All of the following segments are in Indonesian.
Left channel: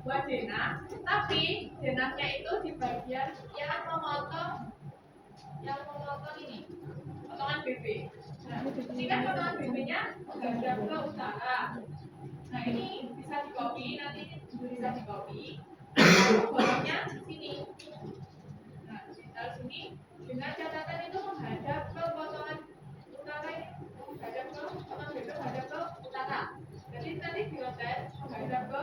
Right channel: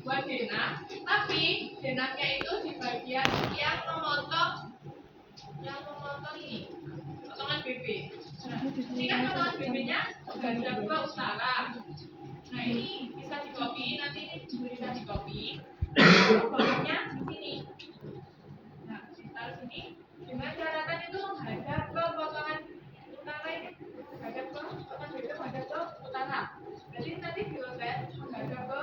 buat denah, tapi denahnya itu di bagian yang memotong ini, potongan BB. Nah, ini kan potongan BB-nya menghadap ke utara. Nah, ini bisa di copy, nanti ini bisa di copy. Bolongnya di sini. Nah, ditaruh sini dengan catatan itu menghadap ke potongan utara ini, menghadap ke potongan BB menghadap ke utara. Jadi nanti dirotet menghadap ke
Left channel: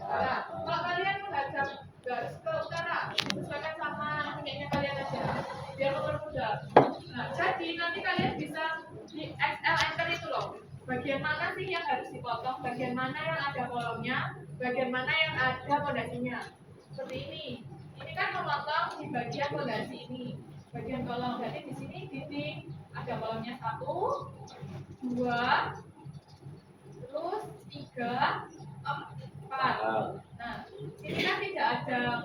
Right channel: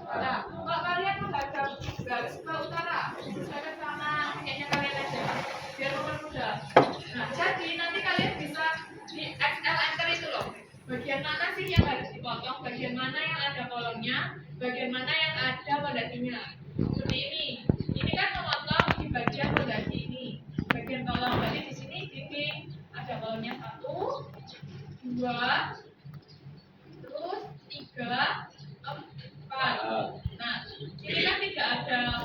utara. Kalau kalian menghadap garis ke utara, sesuaikan sama punyanya kalian aja, biar mempermudah. Nah, jadi nanti kalian bisa di Excel enter itu loh. Bagian mana sih yang harus dipotong, bagian mana yang ada kolomnya, bagian mana yang ada pondasinya. Seperti ini. Ini kan memotong di bagian pondasi ini, bagian kolom. Berarti di sini dinding ada kolomnya 1, 2, terus 3, 4. Nah, ini kan tidak ada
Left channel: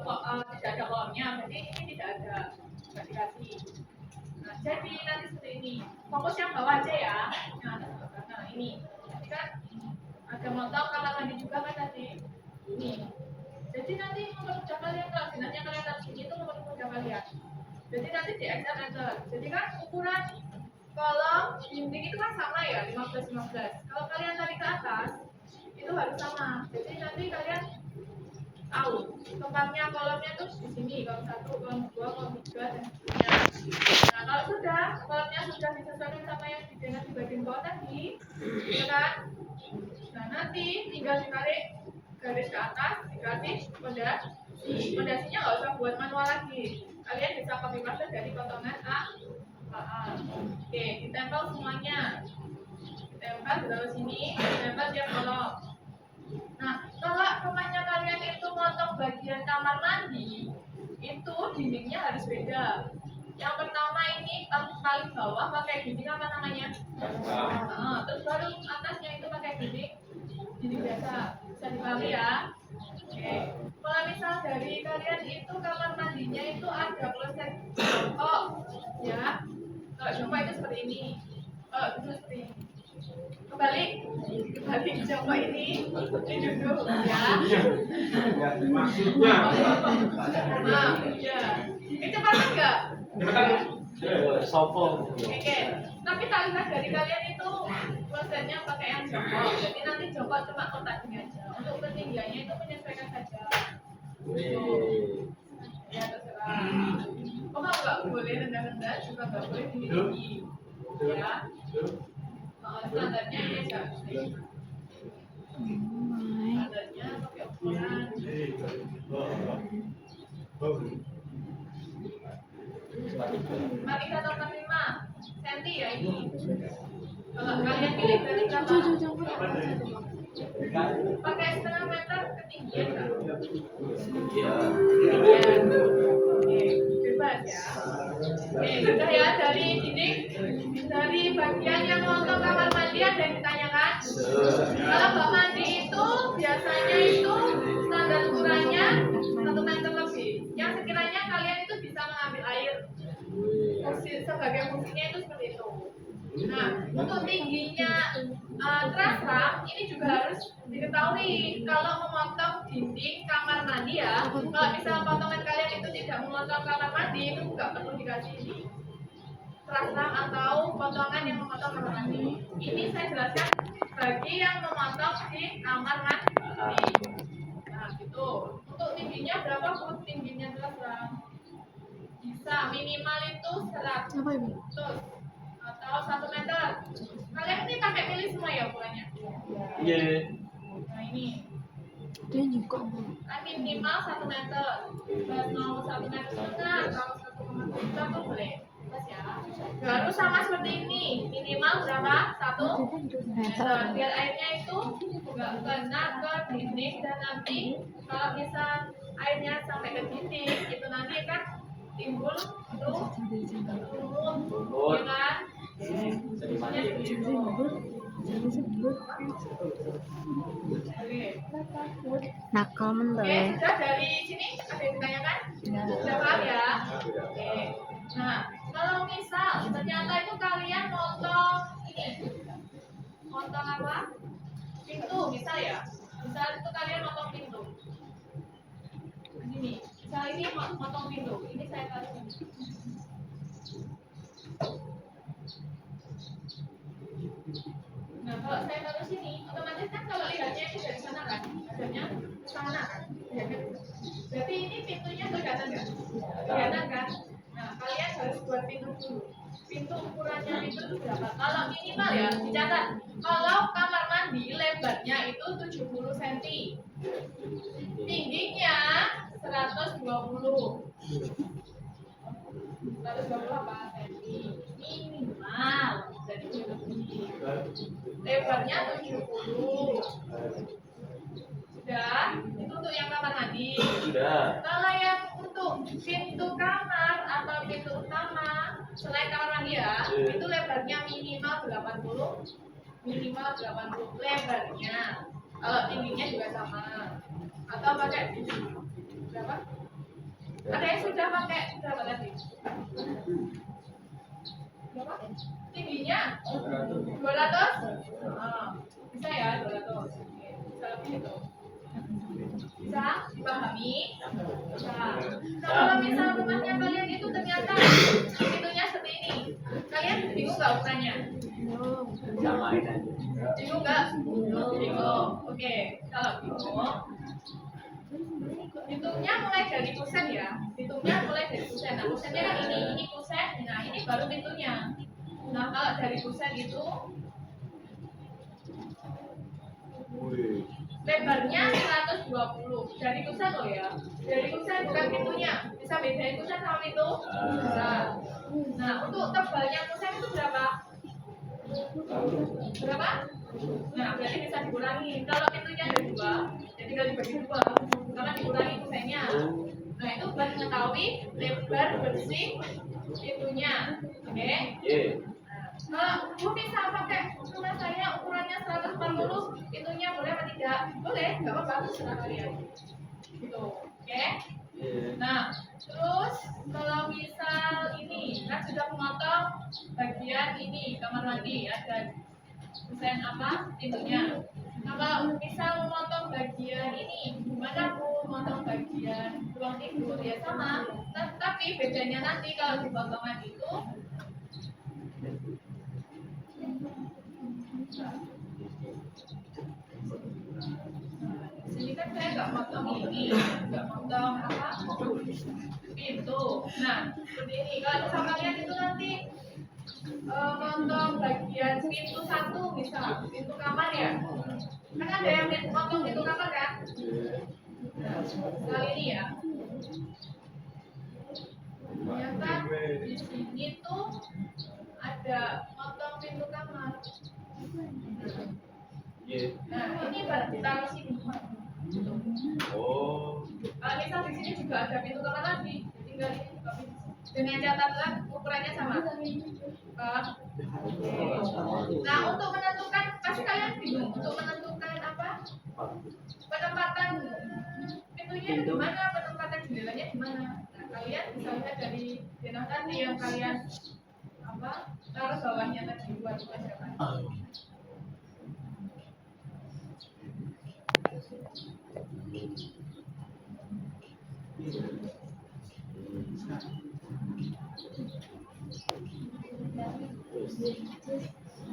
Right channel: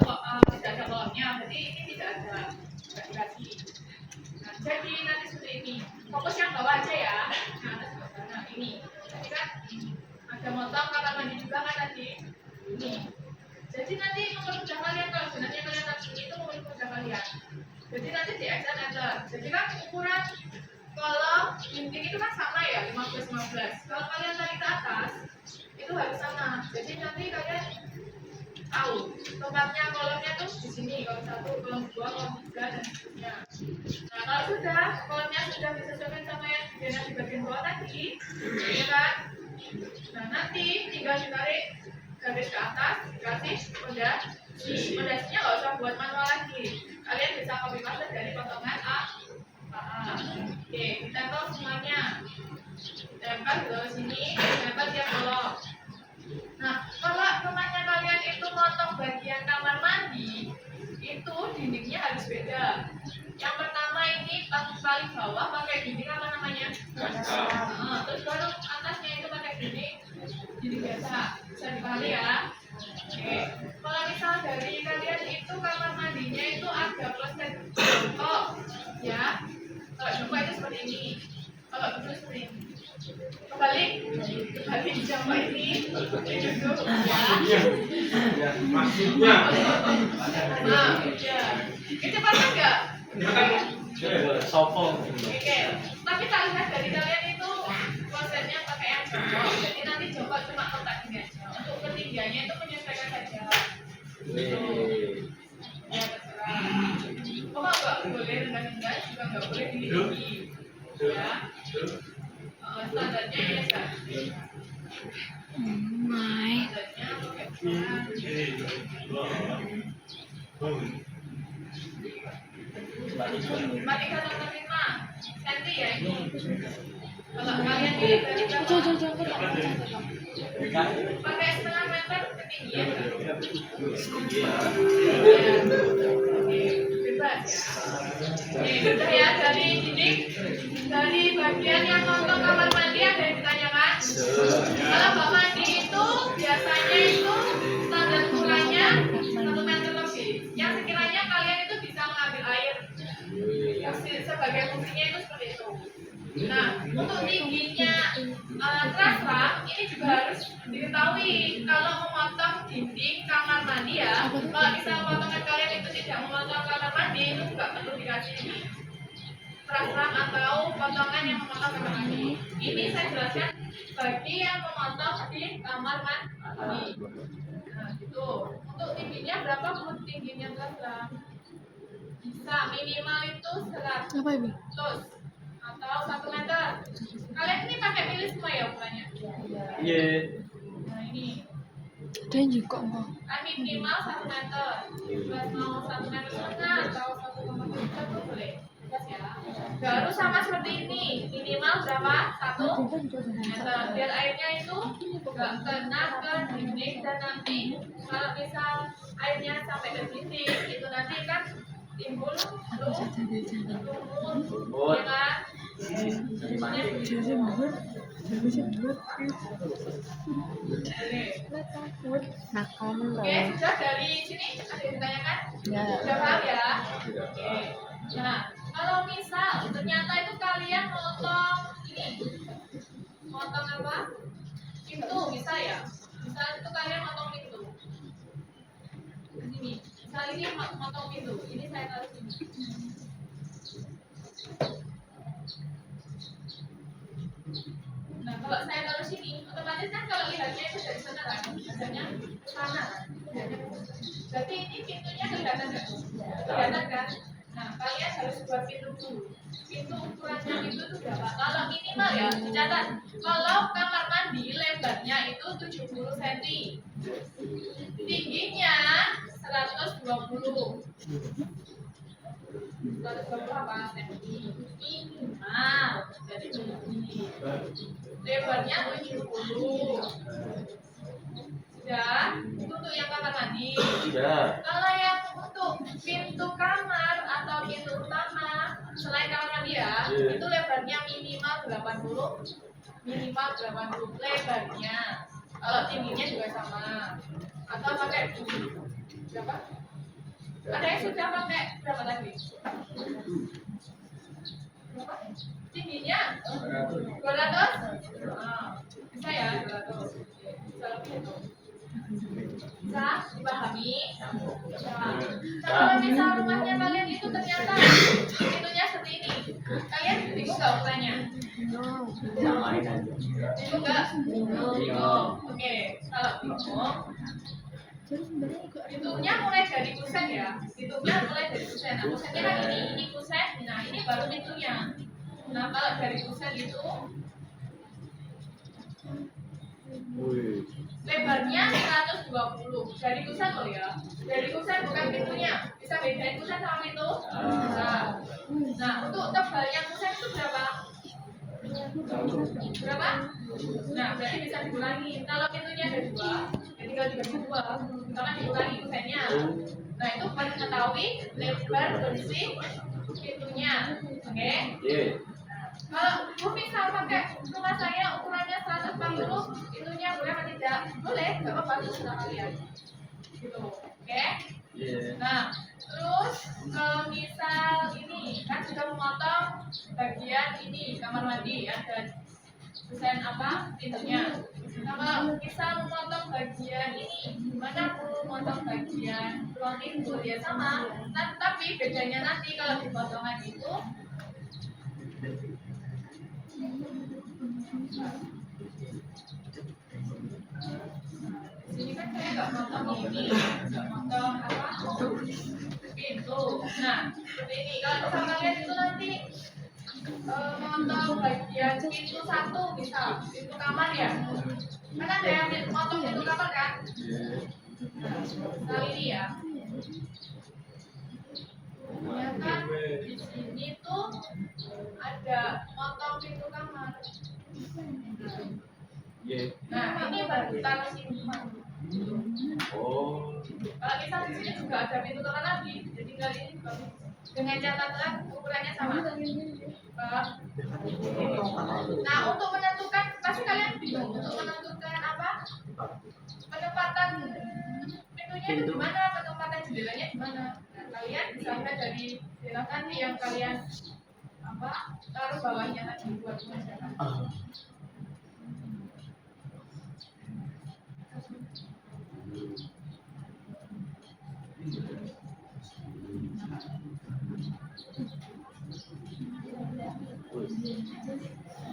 kolomnya, berarti ini tidak ada dikasih. Nah, jadi nanti seperti ini. Fokus yang bawah aja ya. Nah, atas bawah sana ini. Tadi kan ada motong kamar mandi juga kan tadi. Ini. Jadi nanti mempermudah kalian kalau sebenarnya kalian taruh sini itu mempermudah kalian. Jadi nanti di Excel enter. Jadi kan ukuran kolom dinding itu kan sama ya, 15-15. Kalau kalian tarik ke atas itu harus sama. Jadi nanti kalian tahu tempatnya kolomnya tuh di sini, kolom 1, kolom 2, kolom 3 dan seterusnya. Nah, kalau sudah kolomnya sudah disesuaikan sama yang di bagian bawah tadi, ya kan? Nah, nanti tinggal ditarik garis ke atas, dikasih pondasi. Pondasinya nggak usah buat manual lagi. Kalian bisa copy paste dari potongan A. Oke, ditempel semuanya. Ditempel di bawah sini, ditempel tiap kolom. Nah, kalau temannya kalian itu motong bagian kamar mandi, itu dindingnya harus beda. Yang pertama ini paling bawah pakai dinding apa namanya? Nah, terus baru atasnya itu pakai dinding biasa. Bisa dipahami ya? Oke. Kalau misal dari kalian itu kamar mandinya itu ada proses jongkok, ya. Kalau jongkok itu seperti ini. Kalau duduk seperti ini. Kebalik jongkok ini duduk ya. Maksudnya Nah, ya. Itu paham nggak? sopong. Oke. Tapi tak lihat dari kalian itu prosesnya pakai yang jongkok. Jadi nanti jongkok cuma kotak ini aja. Untuk ketinggiannya itu menyesuaikan saja. Ya terserah. Pokoknya nggak boleh rendah-rendah, juga nggak boleh tinggi-tinggi. Ya. Standarnya ya kan. Standarnya pakai ukuran. Matematika nomor 5 cm ya ini. Kalau kalian pilih dari berapa? Pakai setengah meter ketinggian. Oke, bebas ya. Oke, sudah ya dari dinding, dari bagian yang motong kamar mandi ada yang ditanyakan? Kalau kamar mandi itu biasanya itu standar ukurannya 1 meter lebih. Yang sekiranya kalian itu bisa mengambil air. Sebagai fungsinya itu seperti itu. Nah, untuk tingginya trasram ini juga harus diketahui. Kalau memotong dinding kamar mandi ya, kalau misalnya potongan kalian itu tidak memotong kamar mandi, itu juga perlu dikasih trasram atau potongan yang memotong kamar mandi. Ini saya jelaskan bagi yang memotong di kamar mandi. Nah, gitu. Untuk tingginya berapa pun tingginya trasram? Bisa minimal itu 100 atau 1 meter. Kalian ini pakai milih semua ya ukurannya? Iya. Nah ini. Ada yang juga mau. Minimal 1 meter. Mau 1 meter setengah atau 1,5 meter tuh boleh. Pas ya. Baru sama seperti ini. Minimal berapa? 1 meter. Biar airnya itu nggak kena ke dinding dan nanti kalau misal airnya sampai ke dinding itu nanti kan timbul lumut, ya kan? Nakal Oke, sudah dari sini ada yang ditanyakan? Sudah paham ya? Oke. Nah, kalau misal ternyata itu kalian motong ini, motong apa? Pintu, bisa ya? Misal itu kalian motong pintu. ini motong pintu. Ini saya taruh sini. Nah, kalau saya taruh sini, otomatis kan kalau lihatnya itu dari sana kan, adanya ke sana kan. Berarti ini pintunya kelihatan nggak? Kelihatan kan? Nah, kalian harus buat pintu dulu. Pintu ukurannya pintu itu berapa? Kalau minimal ya, dicatat. Kalau kamar mandi lebarnya itu 70 cm. Tingginya 120. 120 apa? Cm. Minimal. Jadi ini. Lebarnya 70. Sudah? Itu untuk yang kamar mandi. Tidak. Kalau yang untuk pintu kamar atau pintu utama selain kamar mandi ya, itu lebarnya minimal 80. Minimal 80 lebarnya. Kalau tingginya juga sama. Atau pakai berapa? Ada yang sudah pakai berapa tadi? Berapa? Tingginya 200? Bisa ya 200. Bisa lebih itu. Bisa dipahami? Bisa. Nah, kalau misal rumahnya kalian itu ternyata pintunya seperti ini, kalian bingung nggak ukurannya? Yang lain aja. Bingung nggak? Bingung. Oke, kalau bingung, pintunya mulai dari kusen ya. Pintunya mulai dari kusen. Nah, kusennya kan ini kusen. Nah, ini baru pintunya. Nah, kalau dari kusen itu Wih. lebarnya 120. Dari kusen loh ya. Dari kusen bukan pintunya. Bisa bedain kusen sama pintu? Bisa. Nah, untuk tebalnya kusen itu berapa? Berapa? Nah, berarti bisa dikurangi. Kalau pintunya ada 2, ya tinggal dibagi 2. Karena dikurangi kusennya. Nah, itu buat mengetahui lebar bersih pintunya. Oke? Kalau Bu misal pakai rumah saya ukurannya 140, pintunya boleh apa tidak? Boleh, nggak apa-apa, terserah kalian. Gitu, oke? Nah, terus kalau misal ini kan sudah memotong bagian ini kamar mandi, ada desain apa pintunya. Nah, kalau misal memotong bagian ini, gimana Bu memotong bagian ruang tidur ya sama. Nah, tapi bedanya nanti kalau di potongan itu sini kan saya nggak potong ini, nggak potong apa pintu. Nah, seperti ini. Kalau misalnya kalian itu nanti potong bagian pintu 1 misal pintu kamar ya, kan ada yang potong pintu kamar kan? Nah, misal ini ya. Ternyata di sini tuh ada potong pintu kamar. Nah, ini baru ditaruh sini. Oh. Kalau misal di sini juga ada pintu kamar lagi, jadi tinggal ini juga bisa. Dengan catatan ukurannya sama. Nah, untuk menentukan, pasti kalian bingung untuk menentukan apa? Penempatan pintunya di mana, penempatan jendelanya di mana. Nah, kalian bisa lihat dari jenah tadi yang kalian apa? Taruh bawahnya tadi buat siapa?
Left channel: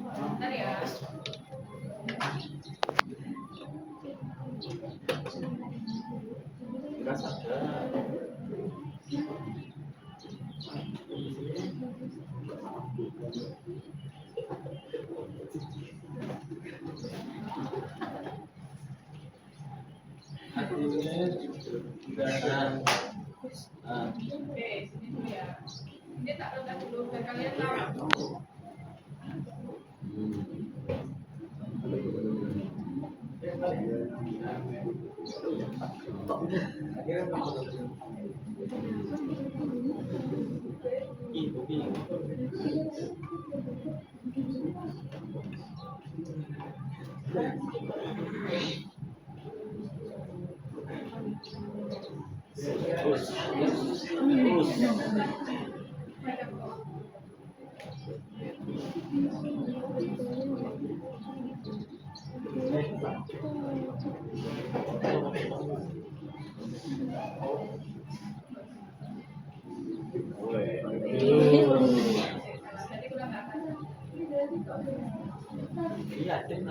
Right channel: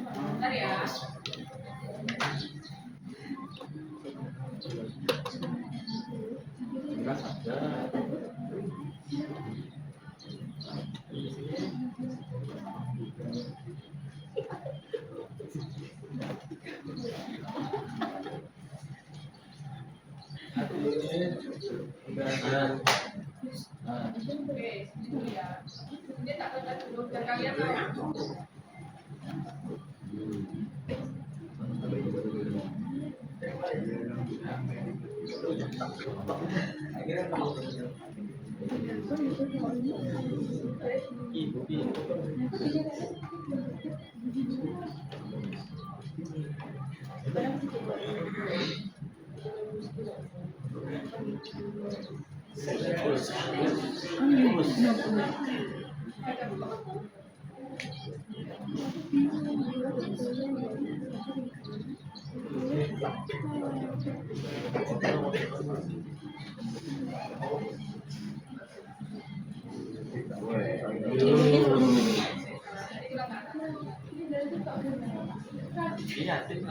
Bentar ya. Oke, sini dulu ya. Ini tak letak dulu biar kalian tahu. Yakin.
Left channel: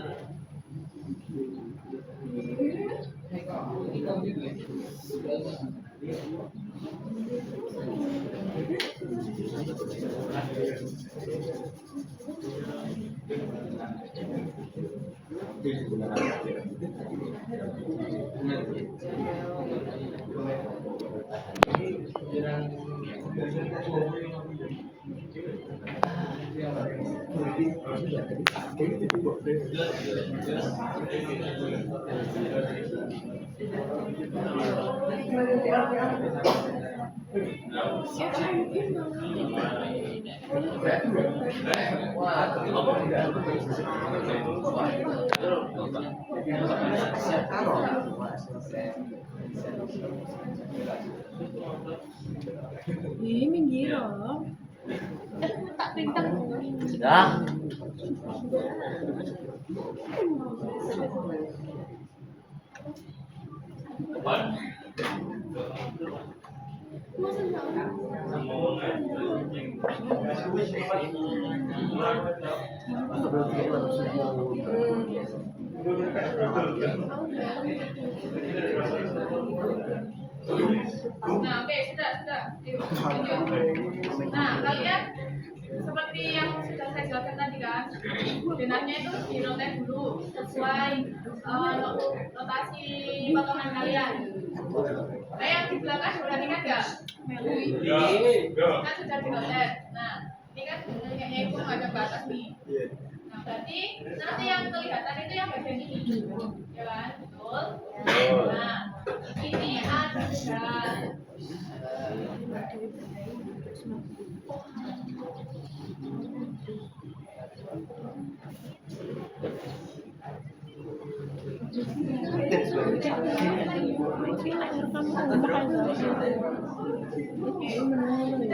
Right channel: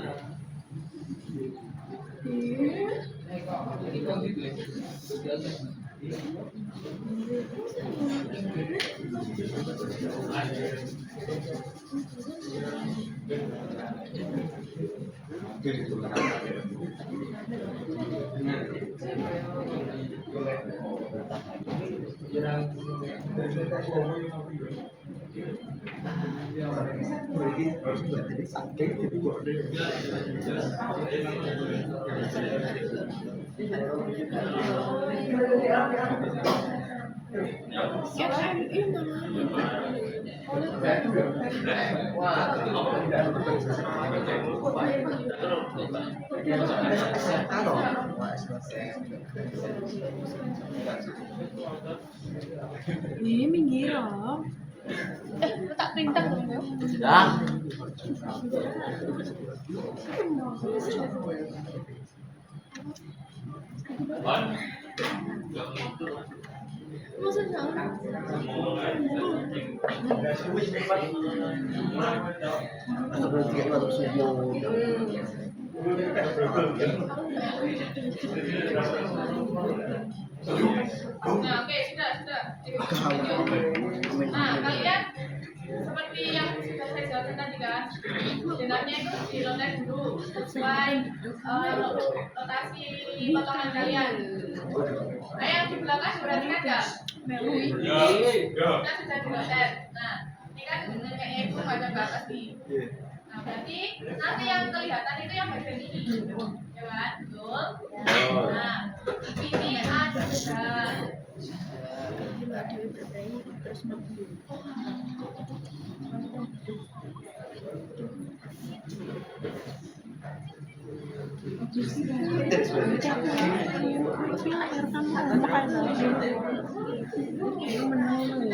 Ih, minggir loh. Tak perintah dulu. Sudah. Maksudnya Nah, oke, sudah. Nah, kalian seperti yang sudah saya jelaskan tadi kan, benangnya itu dirotek dulu sesuai rotasi potongan kalian. Nah, yang di belakang perhatikan nggak? Kan sudah dirotek. Nah, ini kan benangnya itu ada ke atas nih. Nah, berarti nanti yang kelihatan itu yang bagian ini, ya kan? Betul. Nah, ini ada sudah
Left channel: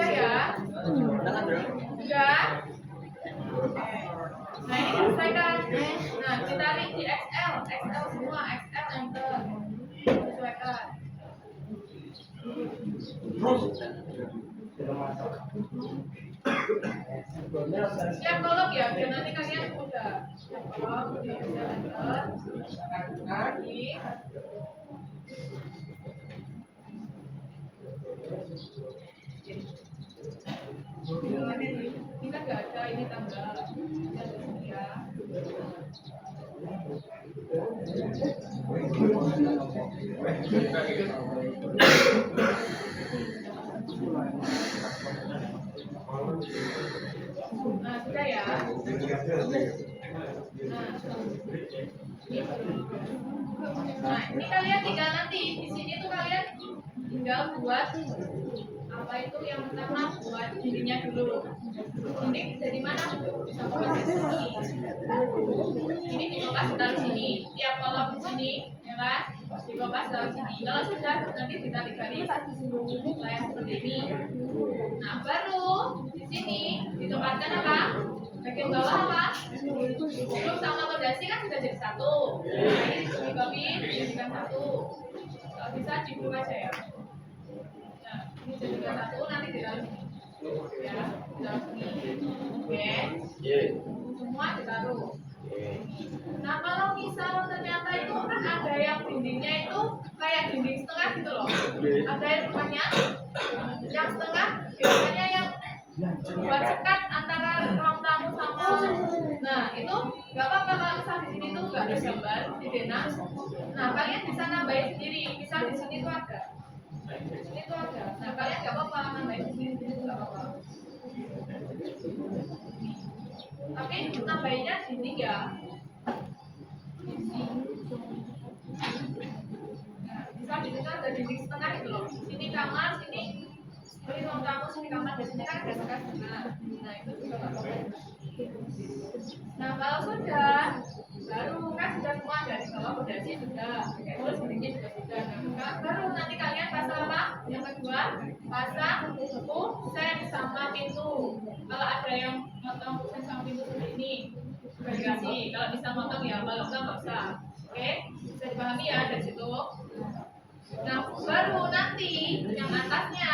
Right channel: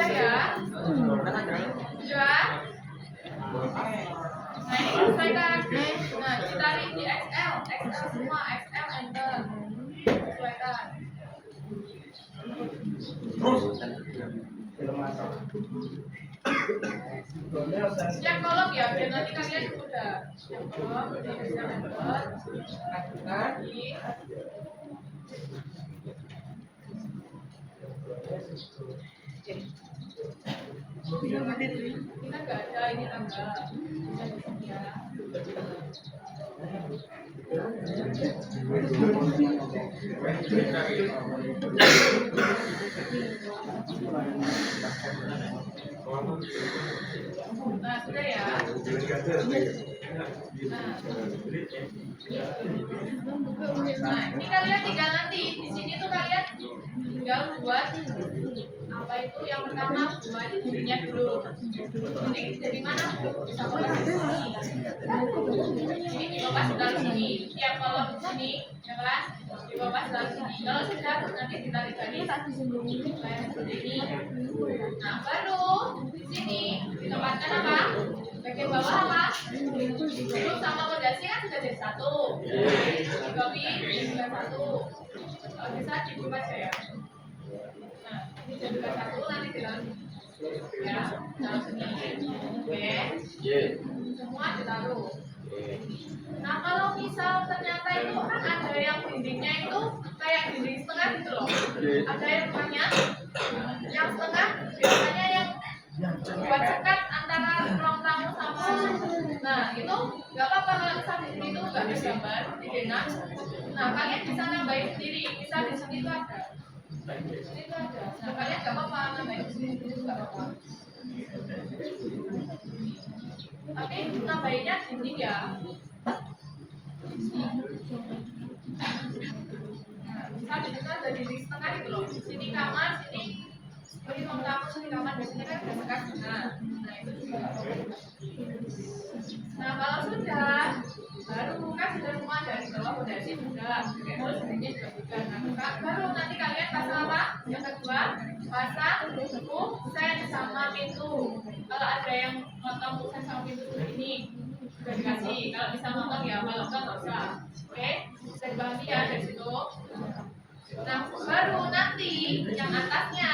ya? Sudah? Nah, ini selesaikan. Nah, ditarik di XL semua, XL enter. Sesuaikan. Siap kolom ya, biar nanti kalian udah siap kolom, udah siap enter. Lagi. Ini kan nggak ada ini tangga. Ya. Nah, sudah ya. Nah, ini kalian tinggal nanti di sini tuh kalian tinggal buat apa itu yang pertama buat dindingnya dulu. Dinding dari mana? Bisa kolom di sini. Ini dibongkar ditaruh sini. Tiap kolom di sini, ya kan? Dibongkar ditaruh sini. Kalau sudah nanti ditarik garis kayak seperti ini. Nah, baru di sini ditempatkan apa? Bagian bawah apa? Belum sama fondasi kan sudah jadi satu. Nah, ini di copy jadikan satu. Kalau bisa dibuka aja ya. Nah, ini jadikan satu nanti ditaruh sini. Ya, taruh sini. Oke. Semua ditaruh. Nah, kalau misal ternyata itu kan ada yang dindingnya itu kayak dinding setengah gitu loh. Ada yang rumahnya yang setengah biasanya yang buat sekat antara ruang tamu sama. Nah, itu nggak apa-apa kalau misal di sini tuh nggak ada gambar di denah. Nah, kalian bisa nambahin sendiri. Misal di sini tuh ada. Di sini tuh ada. Nah, kalian nggak apa-apa nambahin di sini tuh nggak apa-apa. Tapi nambahinnya dinding ya. Nah, misal di tengah ada dinding setengah gitu loh. Sini kamar, sini ruang tamu, sini kamar, di sini kan ada sekat. Nah, itu juga nggak apa-apa. Nah, kalau sudah baru kan sudah semua dari bawah fondasi sudah, terus dindingnya juga. Nah, baru nanti kalian pasang apa? Yang kedua pasang kusen sama pintu. Kalau ada yang motong kusen sama pintu seperti ini sudah dikasih. Kalau bisa motong ya, kalau enggak nggak usah. Oke, bisa dipahami ya dari situ. Nah, baru nanti yang atasnya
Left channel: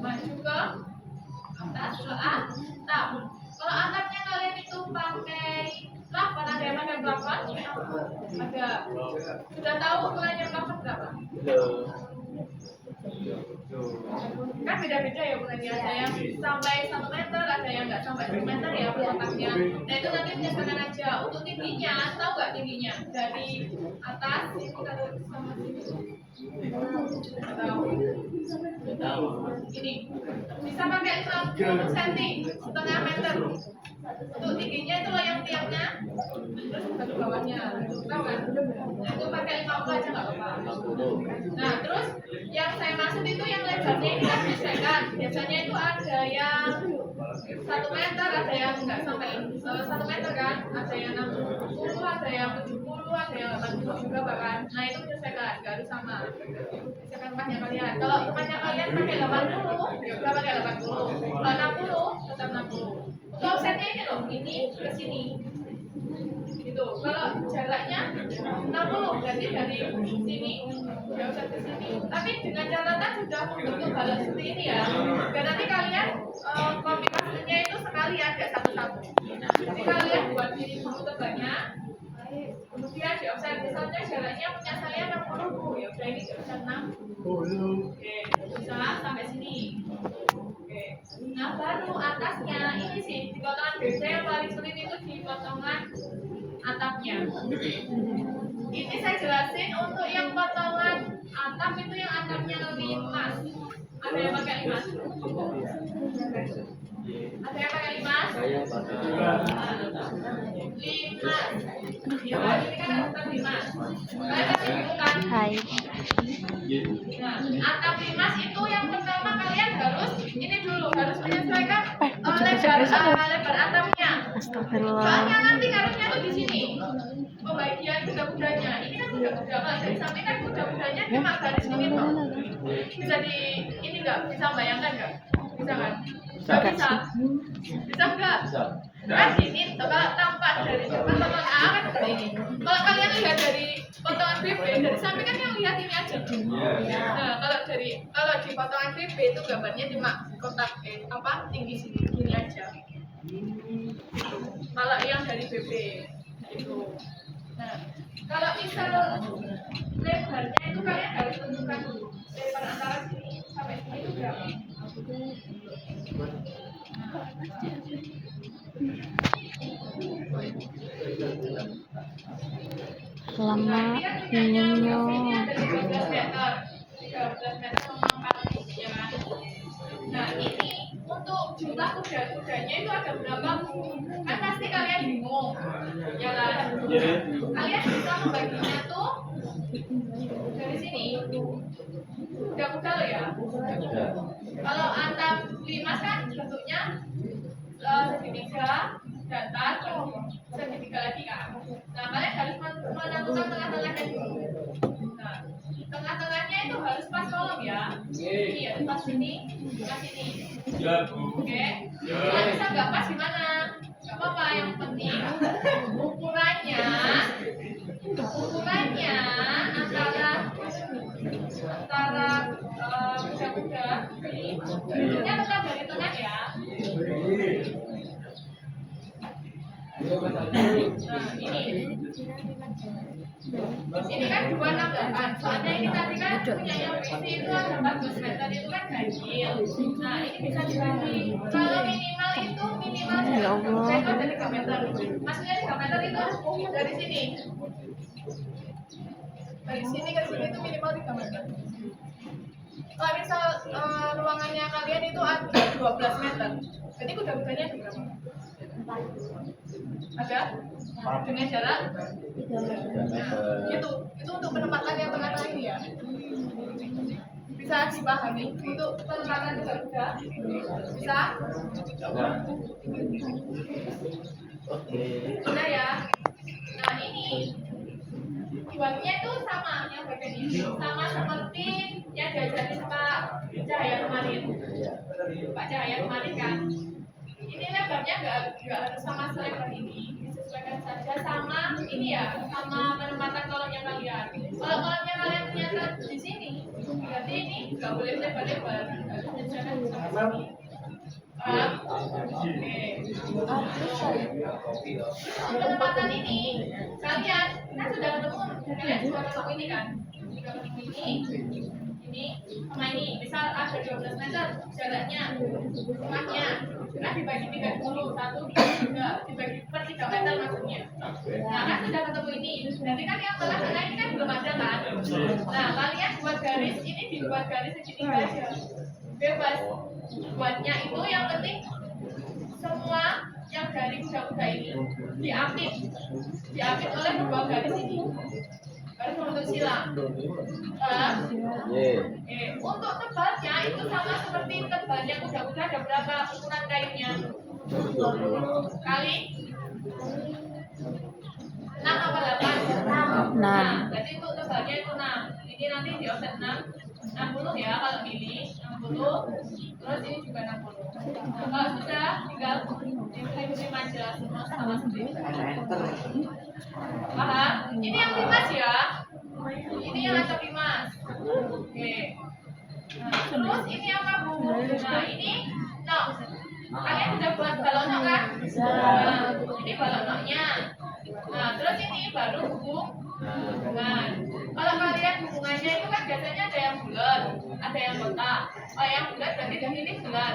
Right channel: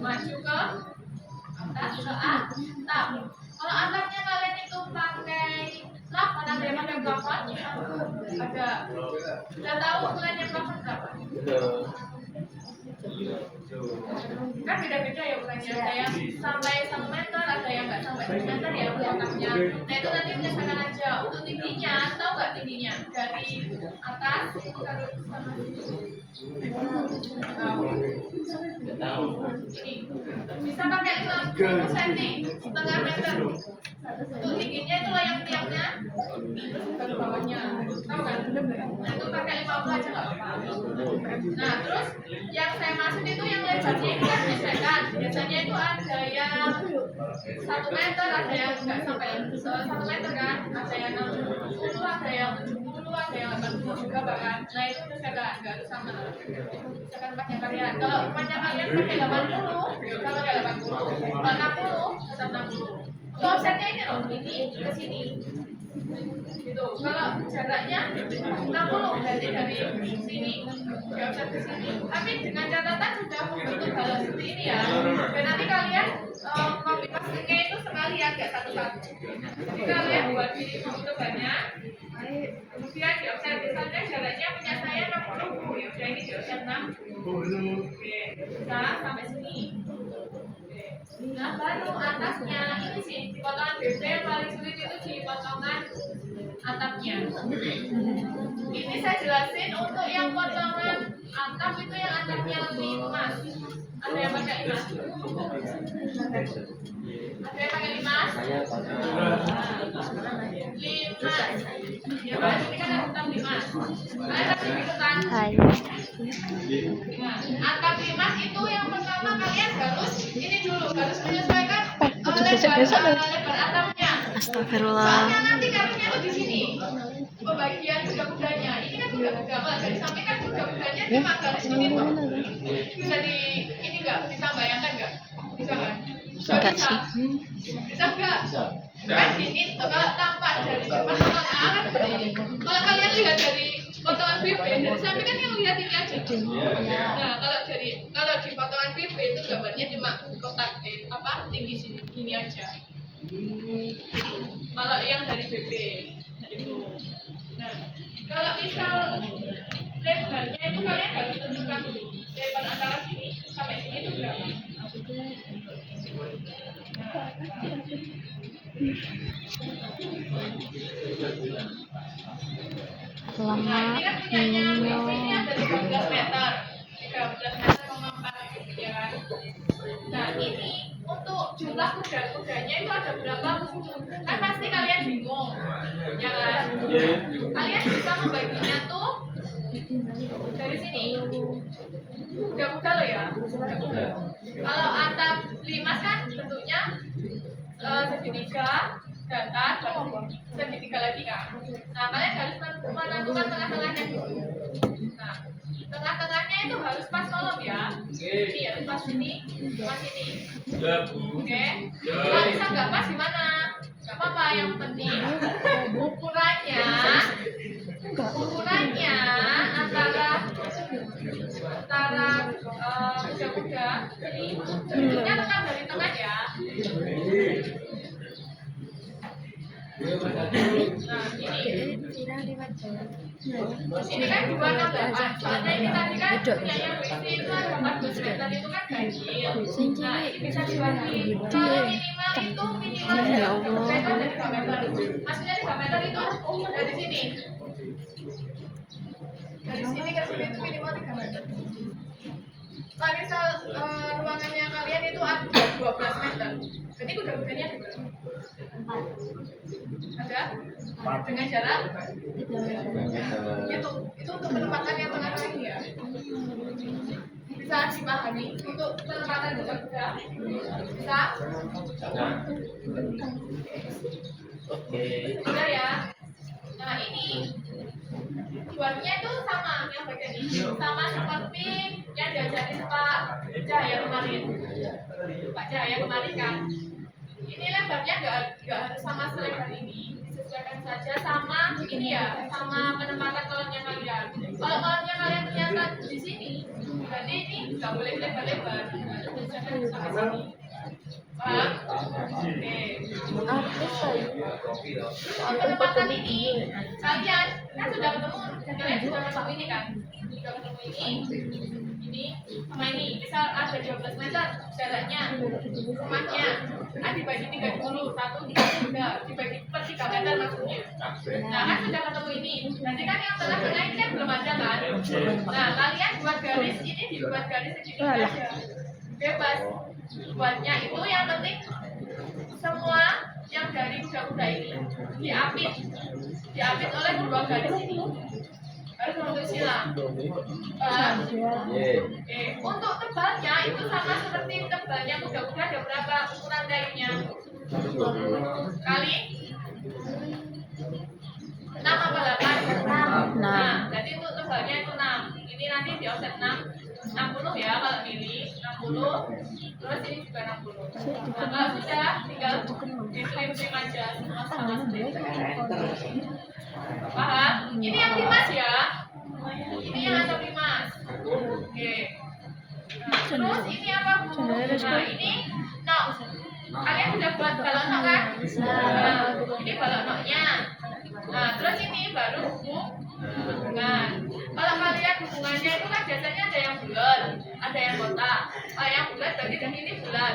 maju ke atas ke atap. Kalau atapnya kalian itu pakai Ada. Sudah tahu ukurannya plafon berapa? Belum. Kan beda-beda ya ukurannya. Ada yang sampai 1 meter, ada yang nggak sampai 1 meter ya kotaknya. Nah itu nanti menyesuaikan aja. Untuk tingginya, tahu nggak tingginya? Dari atas taruh sama sini. Tahu. Tahu. Ini bisa pakai 50 cm, setengah meter. Untuk tingginya itu loh yang tiangnya, terus baru bawahnya, tahu kan? Nah itu pakai 50 aja nggak apa-apa. Nah terus yang saya maksud itu yang lebarnya ini kan menyesuaikan. Biasanya itu ada yang 1 meter, ada yang nggak sampai 1 meter kan, ada yang 60, ada yang 70, ada yang 80 juga bahkan. Nah itu menyesuaikan, nggak harus sama. Misalkan rumahnya kalian, kalau rumahnya kalian pakai 80, ya udah pakai 80. Kalau 60, tetap 60. Untuk offsetnya ini loh, ini ke sini. Gitu. Kalau jaraknya 60 berarti dari sini ya offset ke sini. Tapi dengan catatan sudah membentuk balon seperti ini ya. Dan nanti kalian copy paste-nya itu sekalian gak satu-satu. Jadi kalian buat ini dulu tebannya. Kemudian di offset misalnya jaraknya punya saya 60, ya udah ini di offset 60. Oke, bisa sampai sini. Oke. Nah baru atasnya ini sih di potongan BB yang paling sulit itu di potongan atapnya. Ini saya jelasin untuk yang potongan atap itu yang atapnya limas. Ada yang pakai limas? Ada yang pakai limas? Saya pakai. Limas. Ya kan ini kan atap limas. Kalian pasti bingung kan? Hai. Nah, atap limas itu yang pertama kalian harus ini dulu harus menyesuaikan lebar atapnya. Astagfirullah. Soalnya nanti karungnya tuh di sini. Pembagian kuda-kudanya. Ini kan kuda-kuda kalau dari samping kan kuda-kudanya cuma garis ini tuh. Bisa di ini enggak? Bisa bayangkan enggak? Bisa kan? Enggak Bisa. sih. Bisa enggak? Bisa. Kan ini kalau tampak dari potongan A kan seperti ini. Kalau kalian lihat dari potongan BB dari samping kan yang lihat ini aja. Nah, kalau di potongan BB itu gambarnya cuma kotak apa tinggi sini gini aja. Kalau yang dari BB itu. Nah, kalau misal lebarnya itu kalian harus tentukan dulu. Lebar antara sini sampai sini itu berapa? Lama Ini minumnya. ada 13 meter. 13 meter sama 4, ya kan? Nah, ini untuk jumlah kuda-kudanya itu ada berapa? Kan pasti kalian bingung. Ya kan? Kalian bisa membaginya tuh dari sini. Kuda-kuda loh ya. Kuda-kuda. Kalau atap limas kan bentuknya segitiga datar baru segitiga lagi kan. Nah kalian harus menentukan tengah-tengahnya dulu. Nah tengah-tengahnya itu harus pas kolom ya. Ini harus pas sini, pas ini. Oke. Kalau bisa nggak pas gimana? Nggak apa-apa. Yang penting ukurannya antara kuda-kuda ini bentuknya tetap dari tengah ya. Nah ini kan 268. Soalnya ini tadi kan punya yang isi itu ada 14 meter itu kan ganjil. Nah ini bisa dibagi. Kalau minimal itu Ya Allah. itu ada 3 meter. Maksudnya 3 meter itu dari sini. Dari sini ke sini itu minimal 3 meter. Kalau misal ruangannya kalian itu ada 12 meter, berarti kuda-kudanya ada berapa? Ada? Dengan jarak? Nah, itu untuk penempatan yang tengah-tengah ini ya. Bisa dipahami untuk penempatan kuda-kuda? Bisa? Oke. Bisa ya? Nah ini buatnya itu sama yang bagian ini sama seperti yang diajarin Pak Cahaya kemarin. Pak Cahaya kemarin kan. Ini lebarnya nggak harus sama selebar ini, disesuaikan saja sama ini ya, sama penempatan kolomnya kalian. Kalau kolomnya kalian ternyata di sini, berarti ini nggak boleh lebar-lebar, harus disesuaikan sampai sini. Paham? Oke. Penempatan ini kalian kan sudah ketemu, kalian sudah ketemu ini kan? Sudah ketemu ini sama ini. Misal ada 12 meter jaraknya, rumahnya. Kan dibagi 3 dulu, 1, 2, 3, dibagi per 3 meter maksudnya. Nah kan sudah ketemu ini. Nanti kan yang tengah-tengah ini kan belum ada kan? Nah kalian buat garis ini dibuat garis segitiga aja. Bebas. Buatnya itu yang penting semua yang dari kuda-kuda ini diapit oleh dua garis ini. Harus membentuk sila. Untuk tebalnya itu sama seperti tebalnya kuda-kuda, ada berapa ukuran kainnya? Kali 6 apa 8? 6. Nah, jadi untuk tebalnya itu 6. Ini nanti di offset 60 ya kalau milih 60. Terus ini juga 60. Nah, kalau sudah tinggal dikirim aja semua sama seperti paham? Ini yang dimas ya. Ini yang atau dimas. Oke. Nah, terus ini apa Bu? Nah, ini no. Kalian sudah buat balon no kan? Nah, ini balon no-nya. Nah, terus ini baru hubungan. Kalau kalian hubungannya itu kan biasanya ada yang bulat, ada yang kotak. Kalau yang bulat berarti di sini bulat.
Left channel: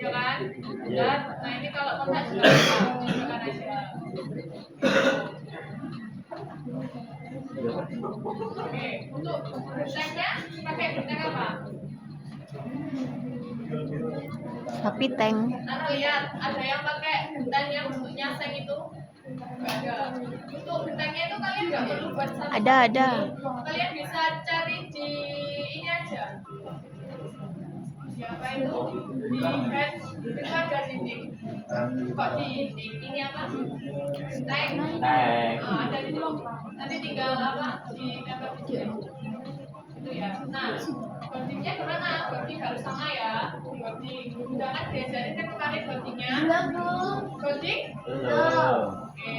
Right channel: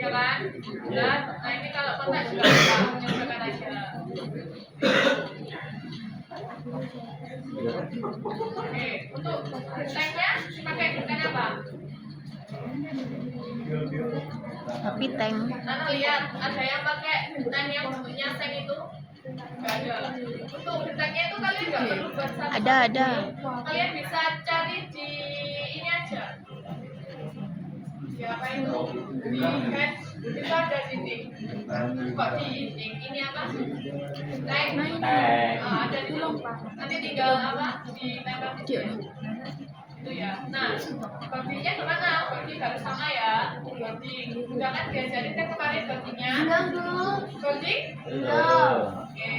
Ya kan? Bulat. Nah, ini kalau kotak juga bisa nyobakan aja. Oke, untuk gentengnya pakai genteng apa? Tapi tank. Nana lihat, ada yang pakai genteng yang bentuknya seng itu? Enggak ada. Untuk gentengnya itu kalian nggak perlu buat satu. Ada. Kalian bisa cari di ini aja. Siapa itu? Di head itu ada dinding. Kok di dinding? Ini apa? Genteng. Ada di situ. Nanti tinggal apa? Ditempel di sini. Itu ya. Nah, bodinya gimana? Bodi harus sama ya. Bodi. Udah kan diajarin kan kemarin bodinya. Bodi? Oke.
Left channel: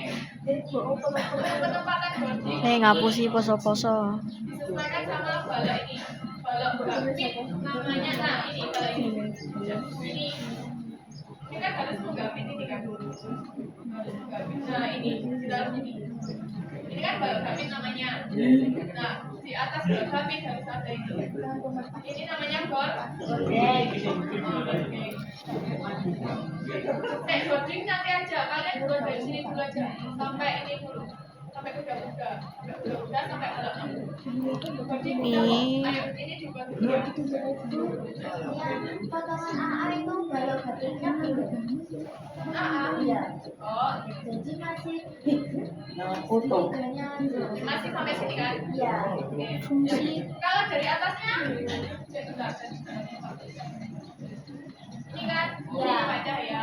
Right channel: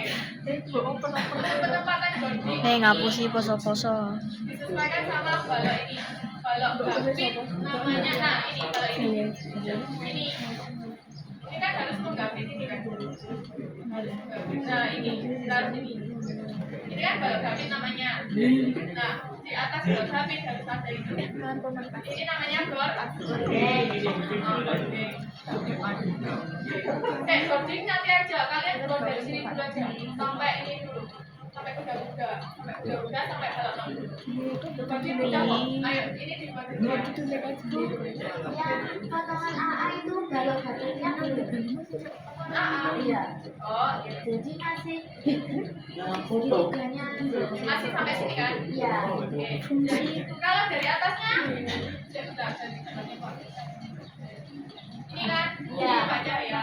Penempatan bodi. Ngapusi poso-poso. Disesuaikan sama balok ini. Balok gambit namanya. Nah, ini balok ini. Ini kan harus menggambit ini kan. Harus menggambit. Nah, ini harus ini. Ini kan balok gambit namanya. Nah, di atas balok gambit harus ada itu. Ini namanya boarding. Boarding nanti aja. Kalian buat dari sini dulu aja. Sampai ini dulu. Sampai kuda-kuda. Sampai balok gambit. Boarding udah kok. Ayo, ini dibuat dulu ya. Yang potongan AA itu balok gambitnya Iya. Oh, jadi masih masih sampai sini kan? iya. Oke. Jadi kalau dari atasnya, ya sudah dari kanannya Pak. Ini kan? Ya, Pak Cahaya.